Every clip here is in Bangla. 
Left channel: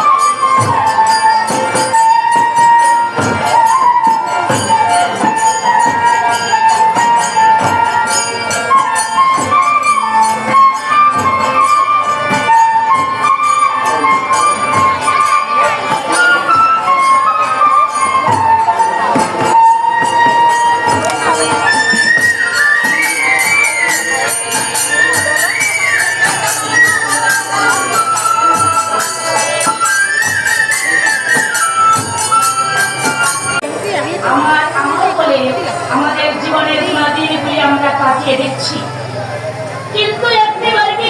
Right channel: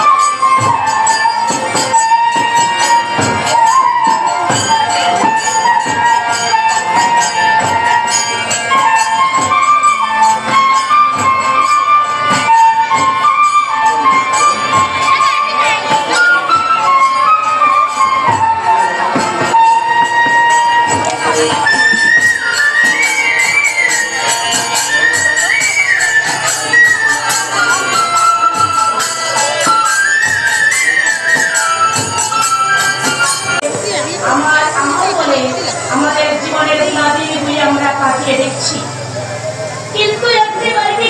আমরা দিচ্ছি। কিন্তু একটিবার কি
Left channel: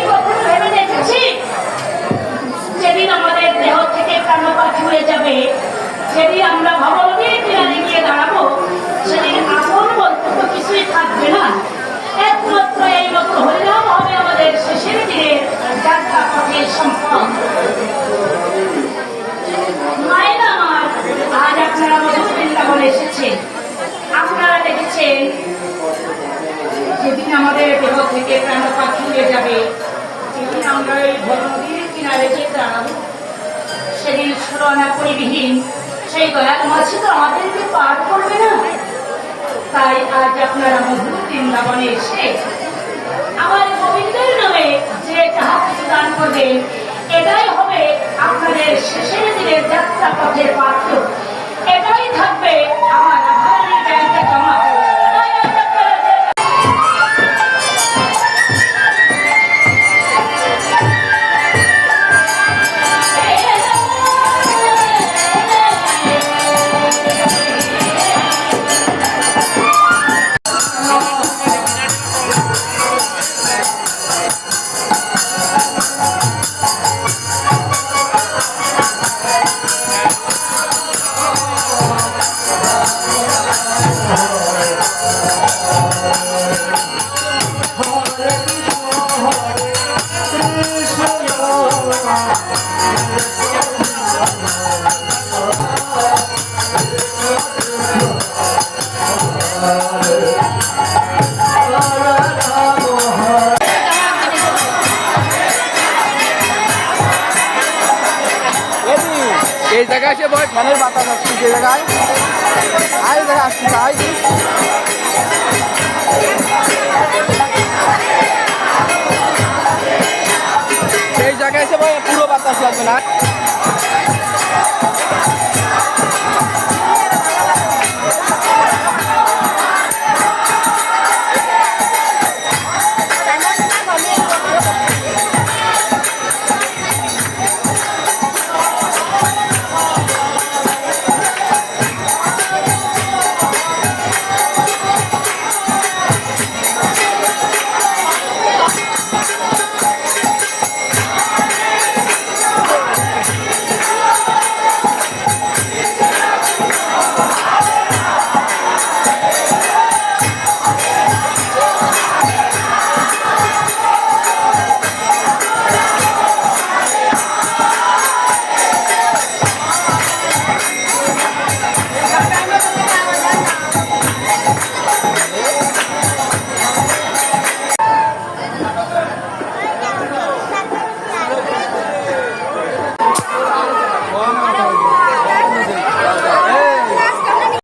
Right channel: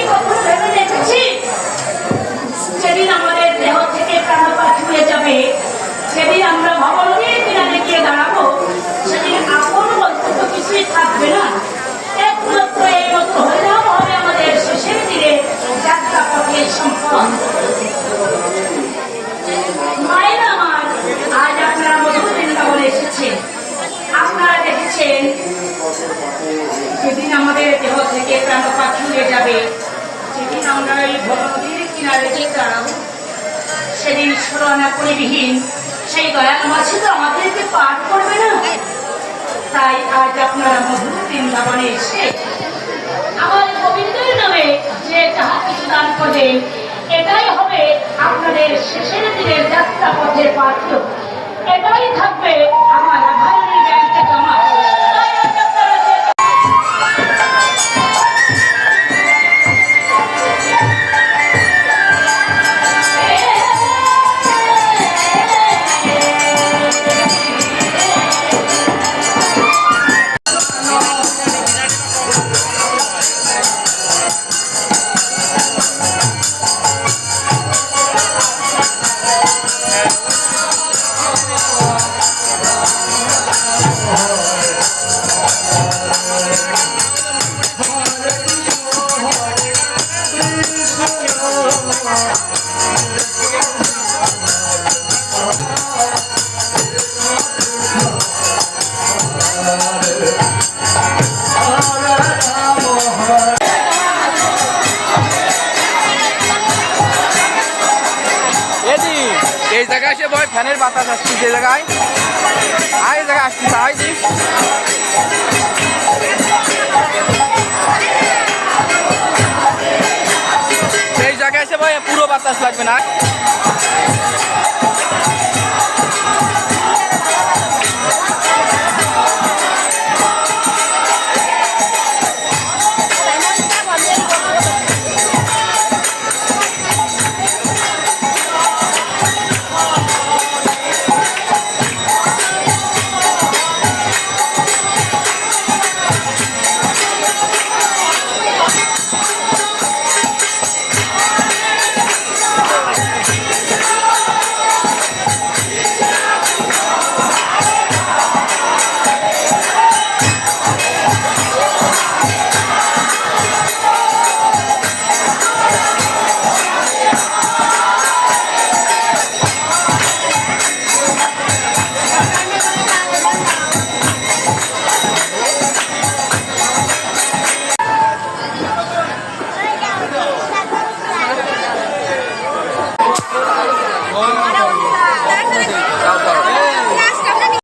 দেখেছি? দেহ থেকে প্রাণ পাঠিয়ে যাবে সেদিন আমরা ভগবতীর কিনারে দাঁড়াবো, সেদিন বলতে তো কিছুই থাকবে না। একমাত্র এই মতো হয়ে যাওয়া আমাদের শেষের দিনে যাত্রা সম্পদ মায়ের আমার আজ আপনারা মধুর বৃন্দাবনে এসেছেন আপনারা দেখেছেন যেদিন আমাদের দেহ থেকে প্রাণ পাখি হয়ে যাবে সেদিন আমরা করবে তাই আজ আপনারা মধুর বৃন্দাবনে এসে আমার গোবিন্দের নামে যে যাহা কিছু দান করবেন, এটাই হবে আপনাদের শেষের দিনের যাত্রা পথের পাত্র এই জায়গায় এসে বয় ফ্যানের বাতাস আসছি যে জায়গায়। আর এই জায়গায় আসছি তাই এই জায়গায় এসে বয় পুরো বাতাস লাগবে না।